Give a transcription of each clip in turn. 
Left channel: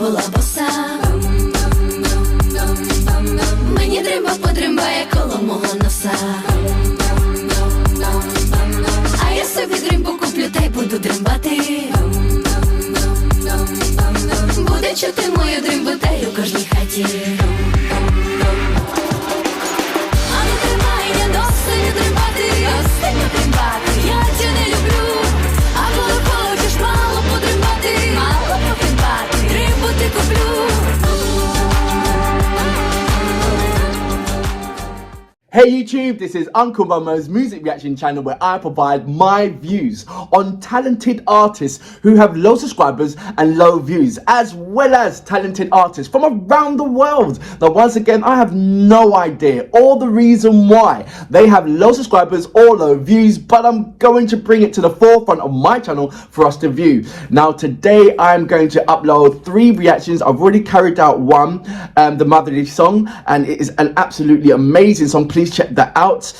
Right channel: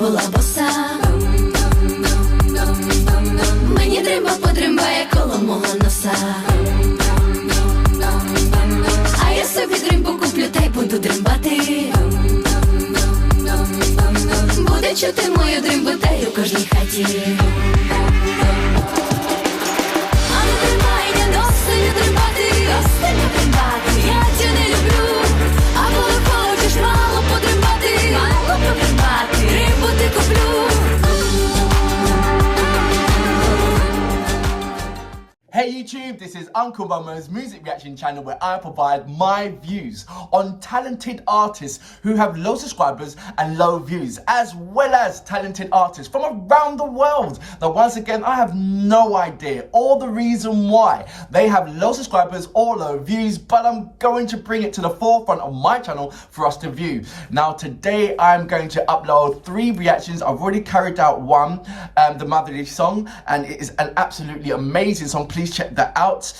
була, боса. Мені дримба подримбає коло мого носа. А я собі дримбу куплю та й буду дримбати. Буде чути мою дримбу та й у кожній хаті. А не тримай, не досить дримбати. Я тебе не люблю. А коли хочеш мало подримбати, дримбу ти куплю. Hey YouTube, this is Uncle Momo's music reaction channel where I provide my views on talented artists who have low subscribers and low views, as well as talented artists from around the world. Now once again, I have no idea or the reason why they have low subscribers or low views, but I'm going to bring it to the forefront of my channel for us to view. Now today I'm going to upload 3 reactions. I've already carried out one, the Motherly song, and it is an absolutely amazing song. Please check that out.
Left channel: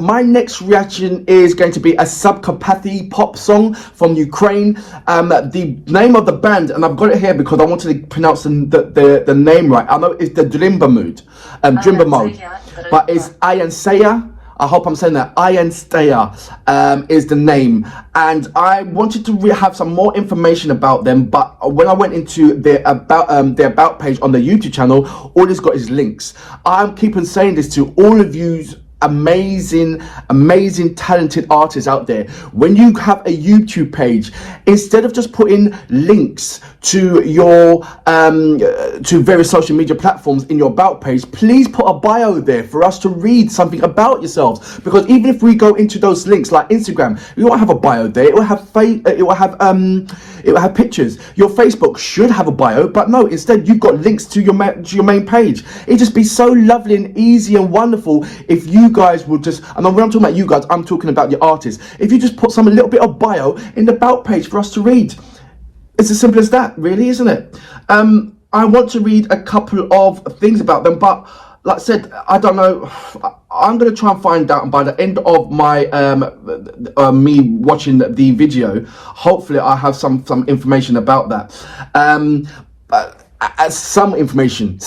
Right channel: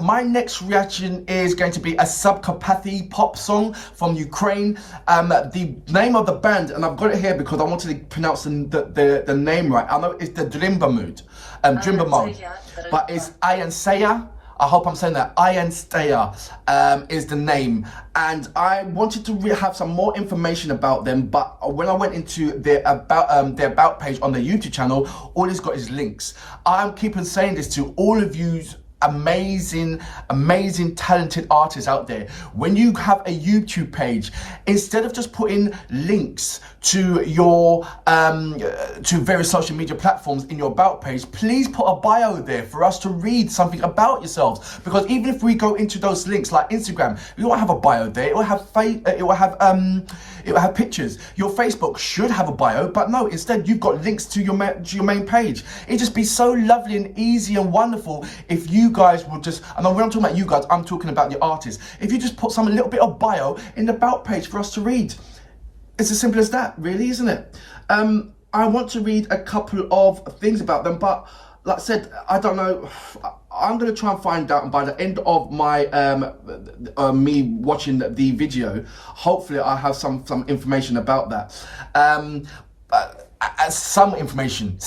My next reaction is going to be a Subkarpathi pop song from Ukraine. The name of the band, and I've got it here because I wanted to pronounce the name right. I know it's the Drimba mode, but it's ANCYA. I hope I'm saying that. ANCYA is the name, and I wanted to have some more information about them. But when I went into their about page on the YouTube channel, all it's got is links. I'm keeping saying this to all of you amazing talented artists out there. When you have a YouTube page, instead of just putting links to your to various social media platforms in your about page, please put a bio there for us to read something about yourselves. Because even if we go into those links like Instagram, you won't have a bio there. It will have pictures. Your Facebook should have a bio, but no, instead you've got links to your main page. It'd just be so lovely and easy and wonderful if you guys would just, and when I'm talking about you guys, I'm talking about your artists, if you just put some little bit of bio in the about page for us to read. It's as simple as that, really, isn't it? I want to read a couple of things about them, but like I said, I don't know. I'm going to try and find out, and by the end of my me watching the video, hopefully I have some information about that. Some information,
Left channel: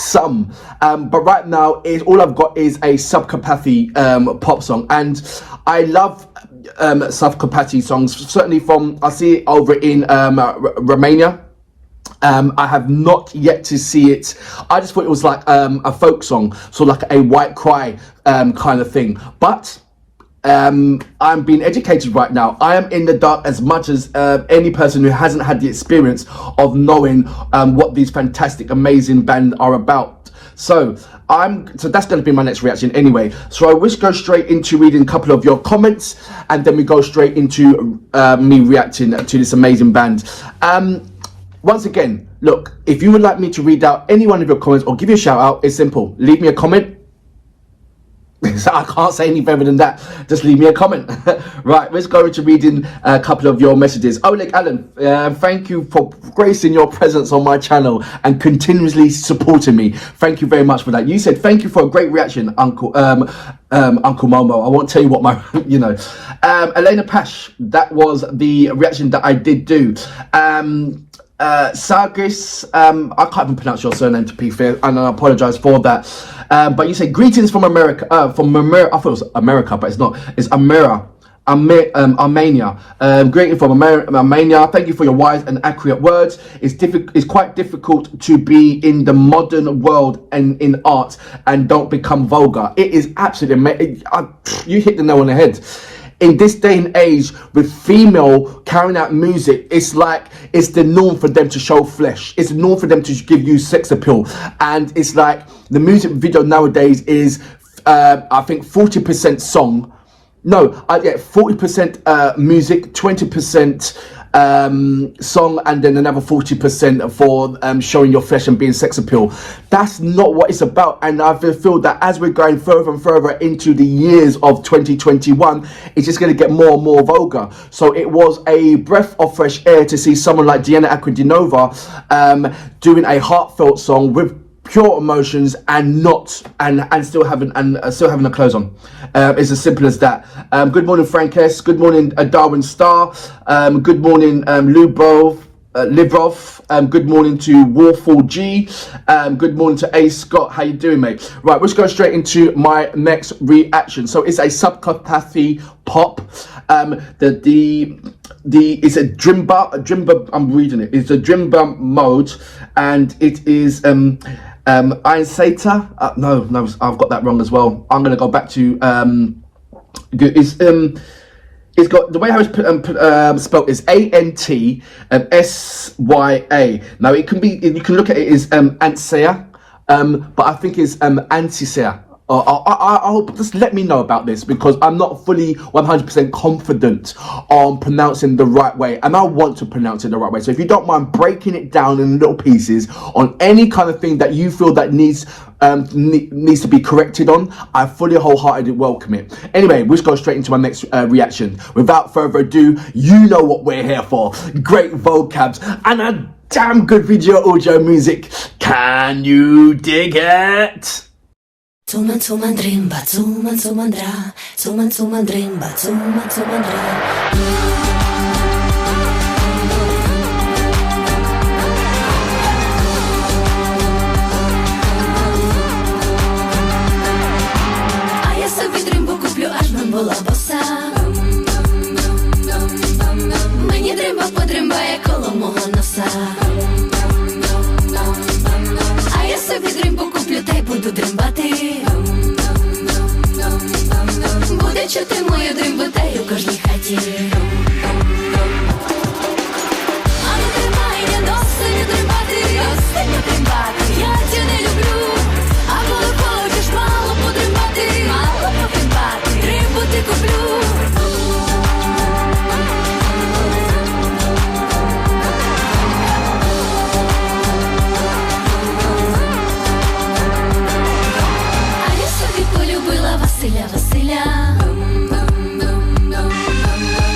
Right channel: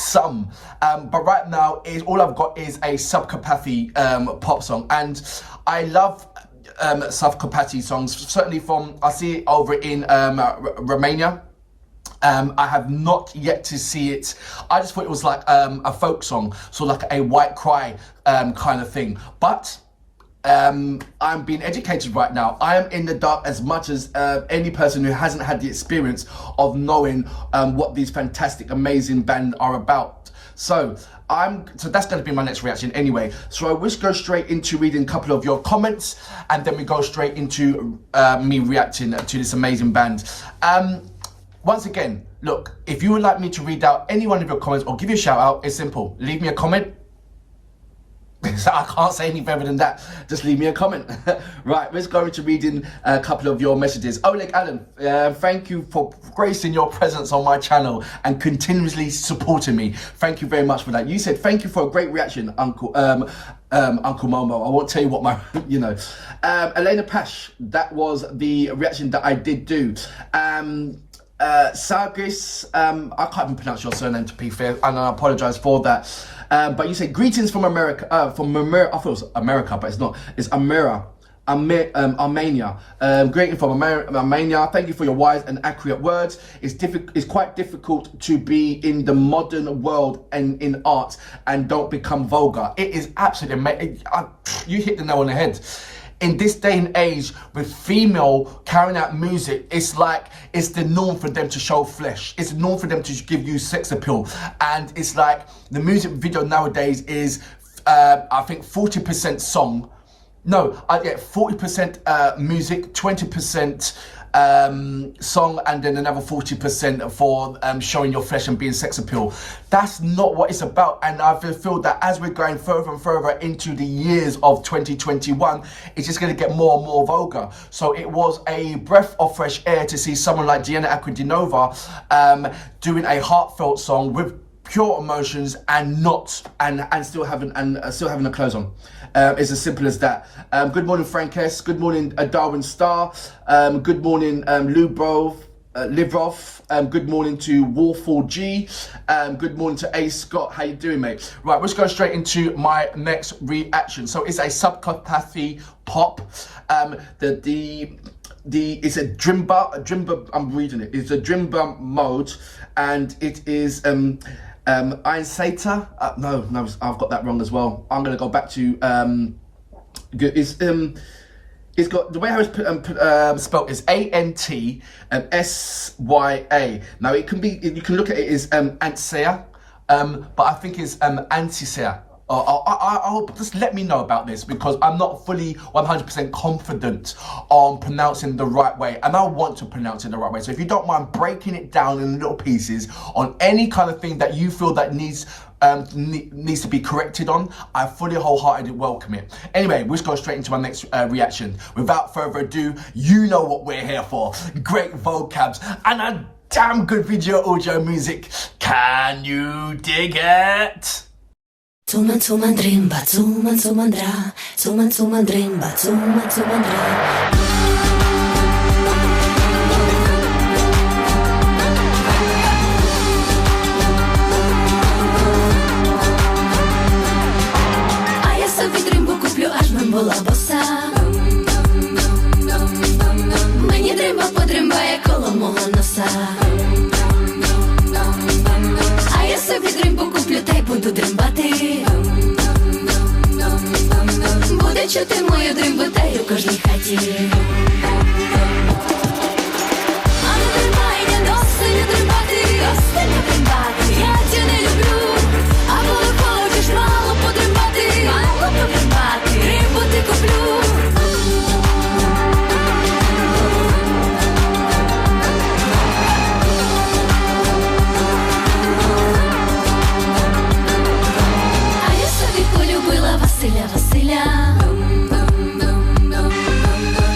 but right now all I've got is a Subkarpathi pop song, and I love Subkarpathi songs, certainly from, I see it over in Romania. I have not yet to see it. I just thought it was like a folk song, so like a white cry kind of thing, but I'm being educated right now. I am in the dark as much as any person who hasn't had the experience of knowing what these fantastic, amazing bands are about. So that's going to be my next reaction anyway. So I will go straight into reading a couple of your comments, and then we go straight into me reacting to this amazing band. Once again, look, if you would like me to read out any one of your comments or give you a shout out, it's simple. Leave me a comment. I can't say any better than that. Just leave me a comment. Right, let's go into reading a couple of your messages. Oleg Allen, thank you for gracing your presence on my channel and continuously supporting me. Thank you very much for that. You said thank you for a great reaction, Uncle Momo. I won't tell you what my, you know. Elena Pash, that was the reaction that I did do. Sargis, I can't even pronounce your surname, to be fair, and I apologize for that. But you say greetings from America, I thought it was America, but it's not. It's Armenia. Greeting from Armenia. Thank you for your wise and accurate words. It's quite difficult to be in the modern world and in art and don't become vulgar. It is absolutely amazing. You hit the nail on the head. In this day and age, with female carrying out music, it's like it's the norm for them to show flesh. It's the norm for them to give you sex appeal. And it's like the music video nowadays is, I think, 40% song. No, 40% music, 20% song, and then another 40% for showing your flesh and being sex appeal. That's not what it's about, and I feel that as we're going further and further into the years of 2021, it's just going to get more and more vulgar. So it was a breath of fresh air to see someone like Diana Aquidinova doing a heartfelt song with pure emotions and still having a clothes on. It's as simple as that. Good morning, Frank S. Good morning, Darwin Star. Good morning, Lubo. Livrov, good morning to Warful G, good morning to A Scott, how you doing, mate? Right, let's go straight into my next reaction. So it's a subcapathy pop. It's a Drimba, I'm reading it. It's a Drimba mode, and it is АНЦЯ. No, I've got that wrong as well. I'm gonna go back to it's got the way how it's spelled is ANTSYA. Now it can be, you can look at it as АНЦЯ, but I think it's antsia. I hope, just let me know about this, because I'm not fully 100% confident on pronouncing the right way, and I want to pronounce it the right way. So if you don't mind breaking it down in little pieces on any kind of thing that you feel that needs to be corrected on, I fully wholeheartedly welcome it. Anyway, we'll just go straight into my next reaction. Without further ado, you know what we're here for. Great vocabs and a damn good video audio music. Can you dig it? Tsuman tsuman drimba, tsuman tsuman dra, tsuman tsuman drimba, tsuman tsuman dra. А я собі дримбу куплю, аж би була боса. Мені дримба подримбає коло мого носа. А я собі дримбу куплю, та й буду дримбати. Буде чути мою дримбу, та й у кожній хаті. А не дримай, не досить дримбати, остання дримбати. Я тя не люблю, а коли хочеш мало подримбати, мало подримбати, дримбу ти куплю. Полюбила Василя Василя.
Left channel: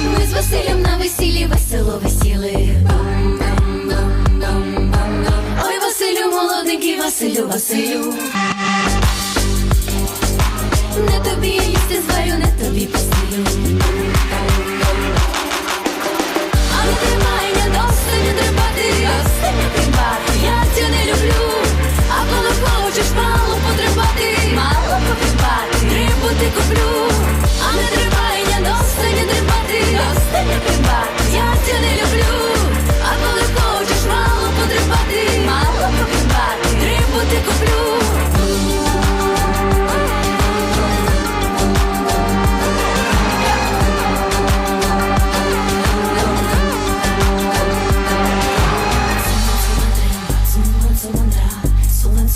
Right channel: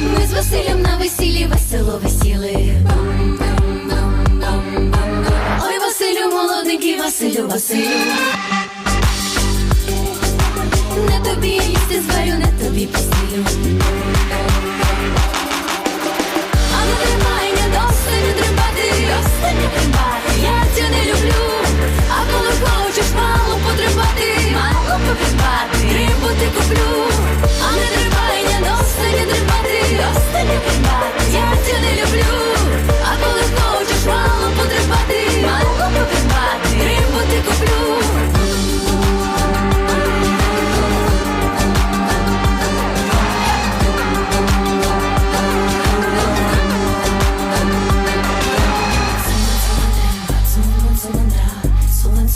Ми з Василем на весіллі весело весіли. Ой, Василю молоденький, Василю Василю. Не тобі я їсти зварю, не тобі постелю. А не тримай, не досить не тримати, остання тримати. Я тя не люблю, а коли хочеш мало потримати, мало потримати, дримбу ти куплю. А не тримай, не досить не тримати, остання тримати. Я тя не люблю, а коли хочеш мало потримати, мало потримати, дримбу ти куплю.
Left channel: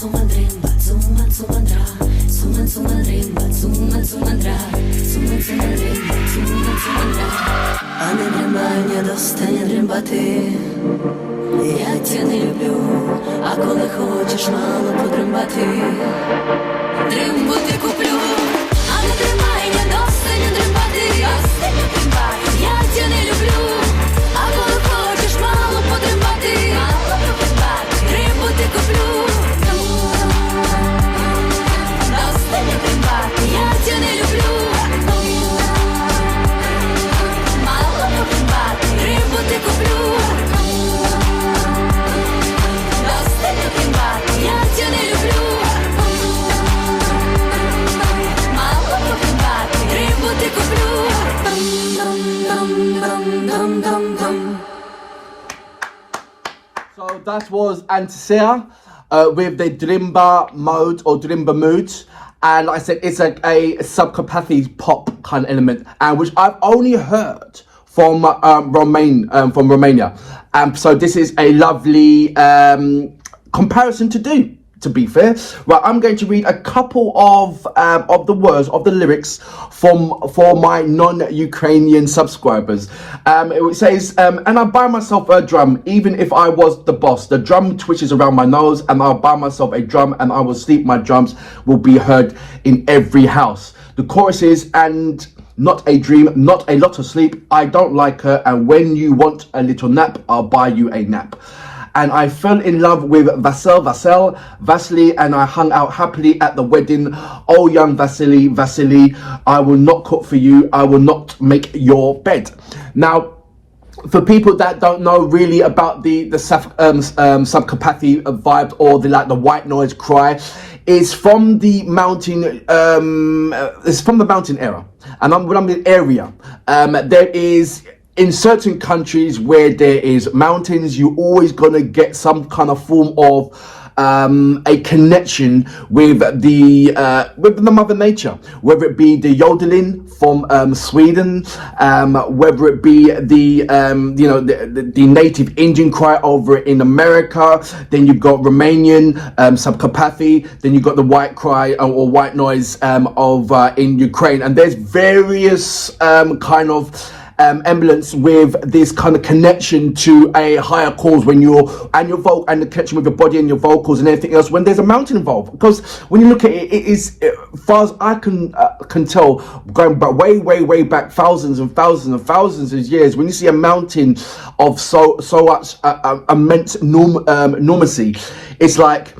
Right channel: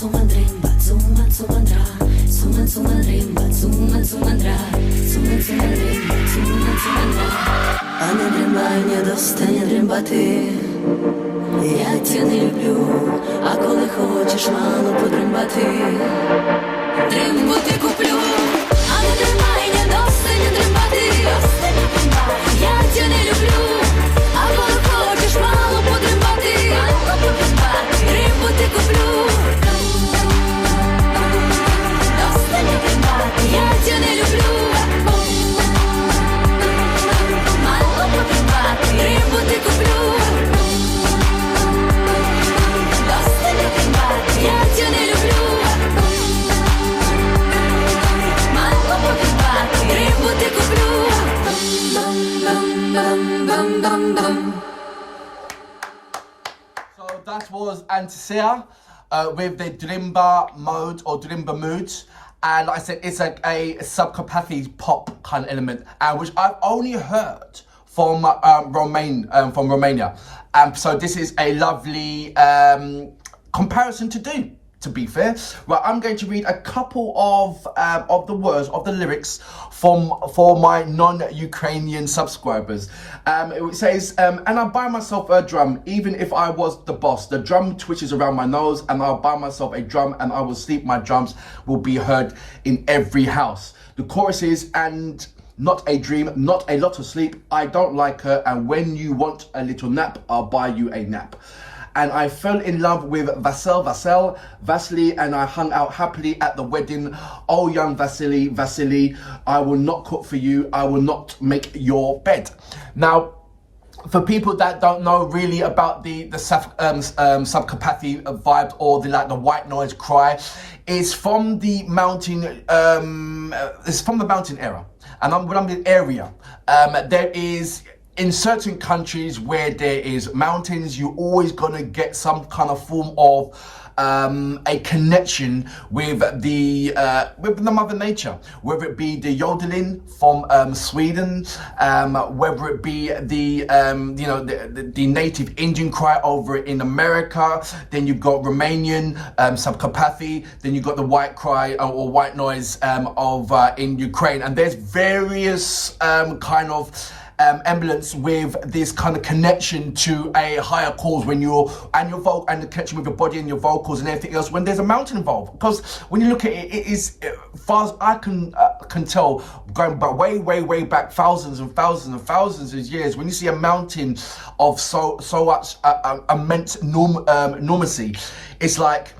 Tsuman drimba, tsuman tsuman dra, tsuman tsuman drimba, tsuman tsuman dra, tsuman tsuman drimba, tsuman tsuman dra. А не дримай, не достане дримбати. Я тя не люблю, а коли хочеш мало подримбати, дримбу ти куплю. А не тримай, не достане дримбати, остання дримбати. Я тя не люблю, а коли хочеш мало подримбати, мало подримбати, дримбу ти куплю. Я тя не люблю, мало поприбати, дримбу ти куплю. Достане прибати, я тя не люблю, мало поприбати, дримбу ти куплю. So that was АНЦЯ with the Drimba mode or Drimba mood. And like I said, it's a subcapathy pop kind of element, which I've only heard from Romania. So this is a lovely comparison to do, to be fair. Right, I'm going to read a couple of the words, of the lyrics for my non-Ukrainian subscribers. It says, and I buy myself a drum, even if I was the boss. The drum twitches around my nose, and I'll buy myself a drum, and I will sleep. My drums will be heard in every house. The chorus is, and not a dream, not a lot of sleep. I don't like her, and when you want a little nap, I'll buy you a nap. And I fell in love with Vasily, and I hung out happily at the wedding. Oh, young Vasily, I will not cook for you. I will not make your bed. Now, for people that don't know really about the subcapathy vibe or the white noise cry, it's from the mountain era, and when I'm in area, there is, in certain countries where there is mountains, you always gonna get some kind of form of a connection with the mother nature, whether it be the yodeling from Sweden, whether it be the native Indian cry over in America. Then you've got Romanian subcapathy. Then you've got the white cry or white noise in Ukraine, and there's various kind of emblems with this kind of connection to a higher cause when and the connection with your body and your vocals and everything else when there's a mountain involved. Because when you look at it, it is, as far as I can tell, going back way back thousands and thousands of years, when you see a mountain of so much immense normacy, it's like,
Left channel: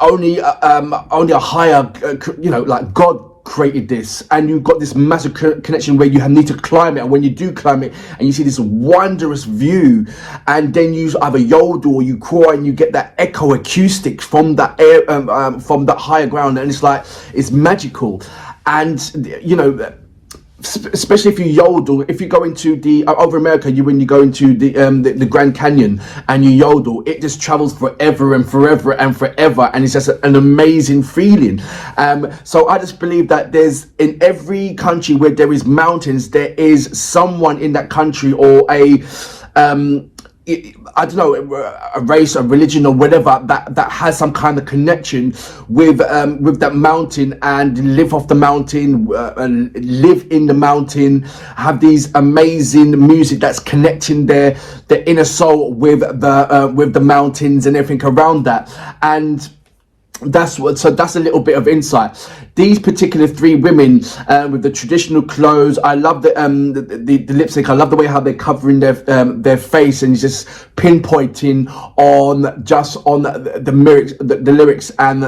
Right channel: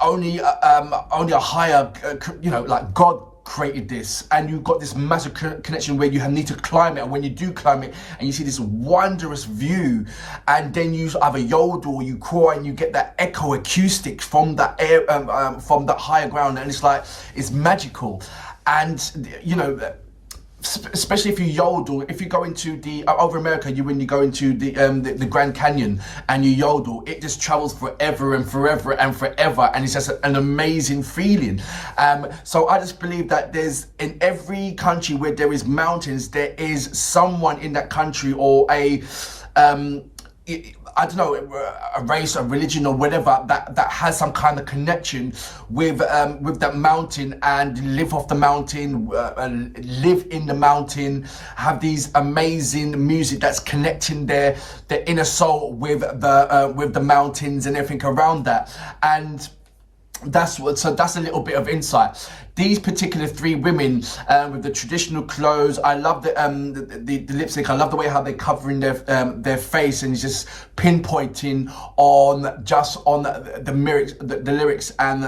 only a higher, like God created this, and you've got this massive connection where you need to climb it, and when you do climb it and you see this wondrous view, and then you either yodel or you cry and you get that echo acoustics from that air, from that higher ground, and it's magical. And especially if you yodel, if you go into the over America, when you go into the Grand Canyon and you yodel, it just travels forever and forever and forever, and it's just an amazing feeling. So I just believe that there's, in every country where there is mountains, there is someone in that country, or I don't know, a race, a religion, or whatever, that has some kind of connection with that mountain, and live off the mountain, and live in the mountain, have these amazing music that's connecting their inner soul with the mountains and everything around that. And that's a little bit of insight. These particular three women with the traditional clothes, I love the lip sync. I love the way how they're covering their face, and it's just pinpointing on the lyrics and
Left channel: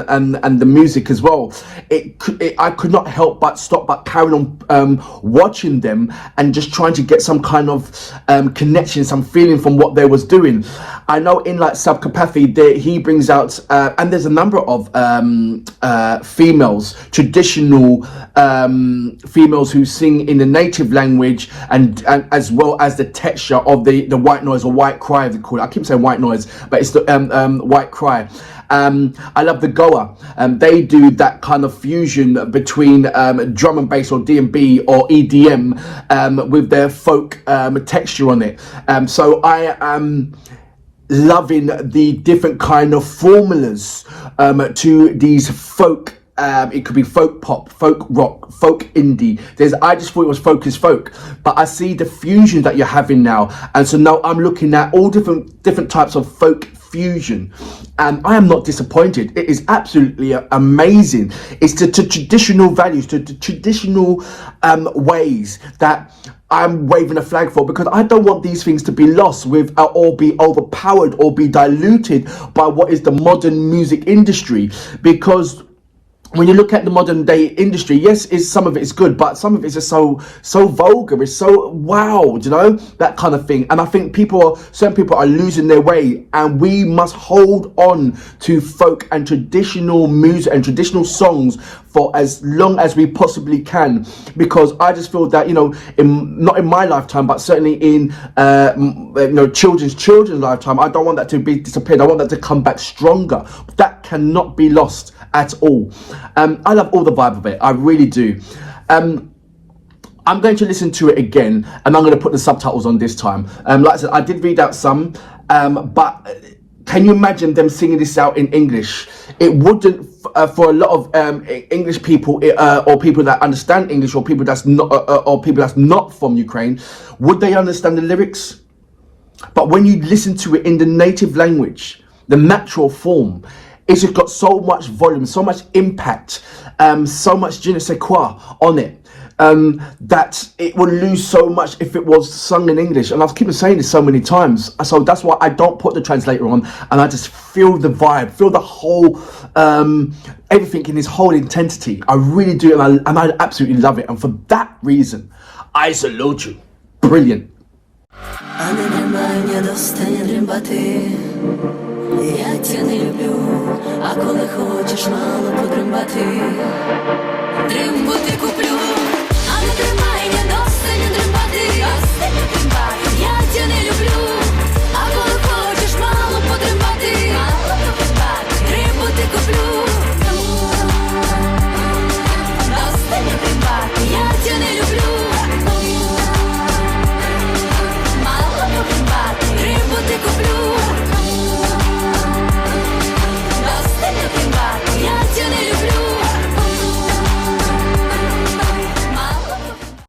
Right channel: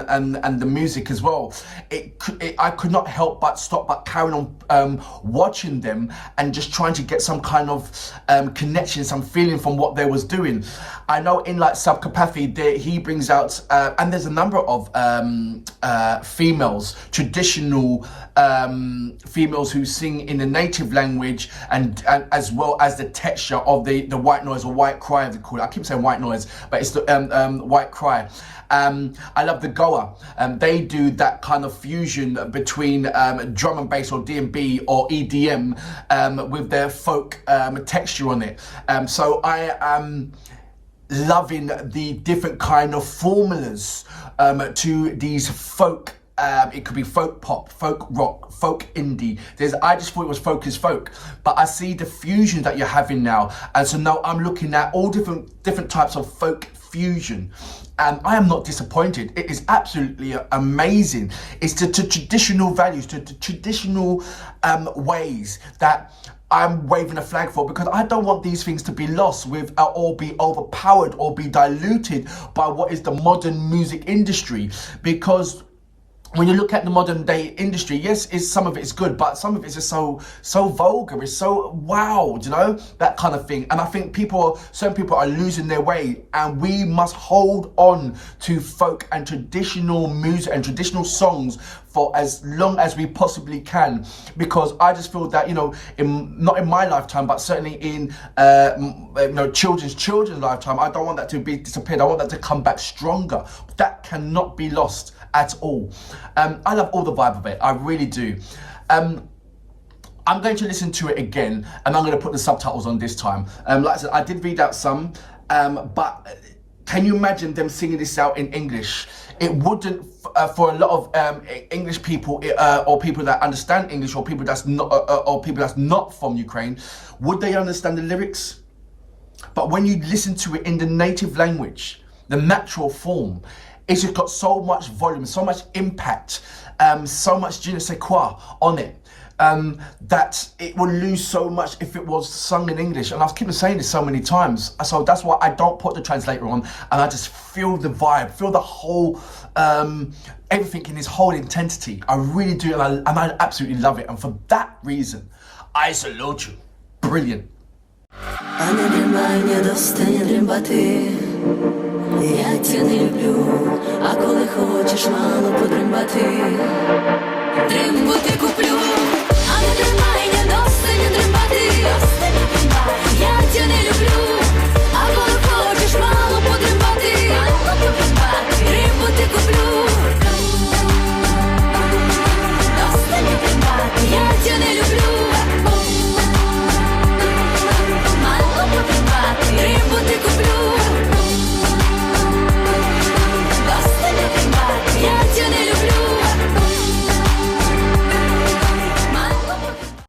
the music as well. I could not help but carry on watching them and just trying to get some kind of connection, some feeling from what they was doing. I know in like subcapathy, he brings out and there's a number of females, traditional females who sing in the native language, and as well as the texture of the white noise or white cry, they call it. I keep saying white noise, but it's the white cry. I love the Goa. They do that kind of fusion between drum and bass, or D&B or EDM, with their folk texture on it. So I am loving the different kind of formulas to these folk. It could be folk pop, folk rock, folk indie. I just thought it was folk is folk, but I see the fusion that you're having now, and so now I'm looking at all different types of folk fusion, and I am not disappointed. It is absolutely amazing. It's the traditional values, the traditional ways that I'm waving a flag for, because I don't want these things to be lost with or be overpowered or be diluted by what is the modern music industry. Because when you look at the modern day industry, yes, some of it is good, but some of it is just so vulgar. It's so wow, that kind of thing. And I think certain people are losing their way, and we must hold on to folk and traditional music and traditional songs for as long as we possibly can, because I just feel that not in my lifetime, but certainly in children's lifetime, I don't want that to be disappeared. I want that to come back stronger. That cannot be lost at all. I love all the vibe of it. I really do. I'm going to listen to it again, and I'm going to put the subtitles on this time. Like I said, I did read out some, but can you imagine them singing this out in English? It wouldn't, for a lot of English people, or people that understand English, or people that's not from Ukraine, would they understand the lyrics? But when you listen to it in the native language, the natural form, it's just got so much volume, so much impact, so much je ne sais quoi on it, that it would lose so much if it was sung in English. And I've keep saying this so many times, so that's why I don't put the translator on, and I just feel the vibe, feel the whole everything in its whole intensity. I really do, and I absolutely love it. And for that reason, I salute you. Brilliant. А не дримай, не достане дримбати. Я тя не люблю, а коли хочеш мало подримбати. Дримбу ти куплю.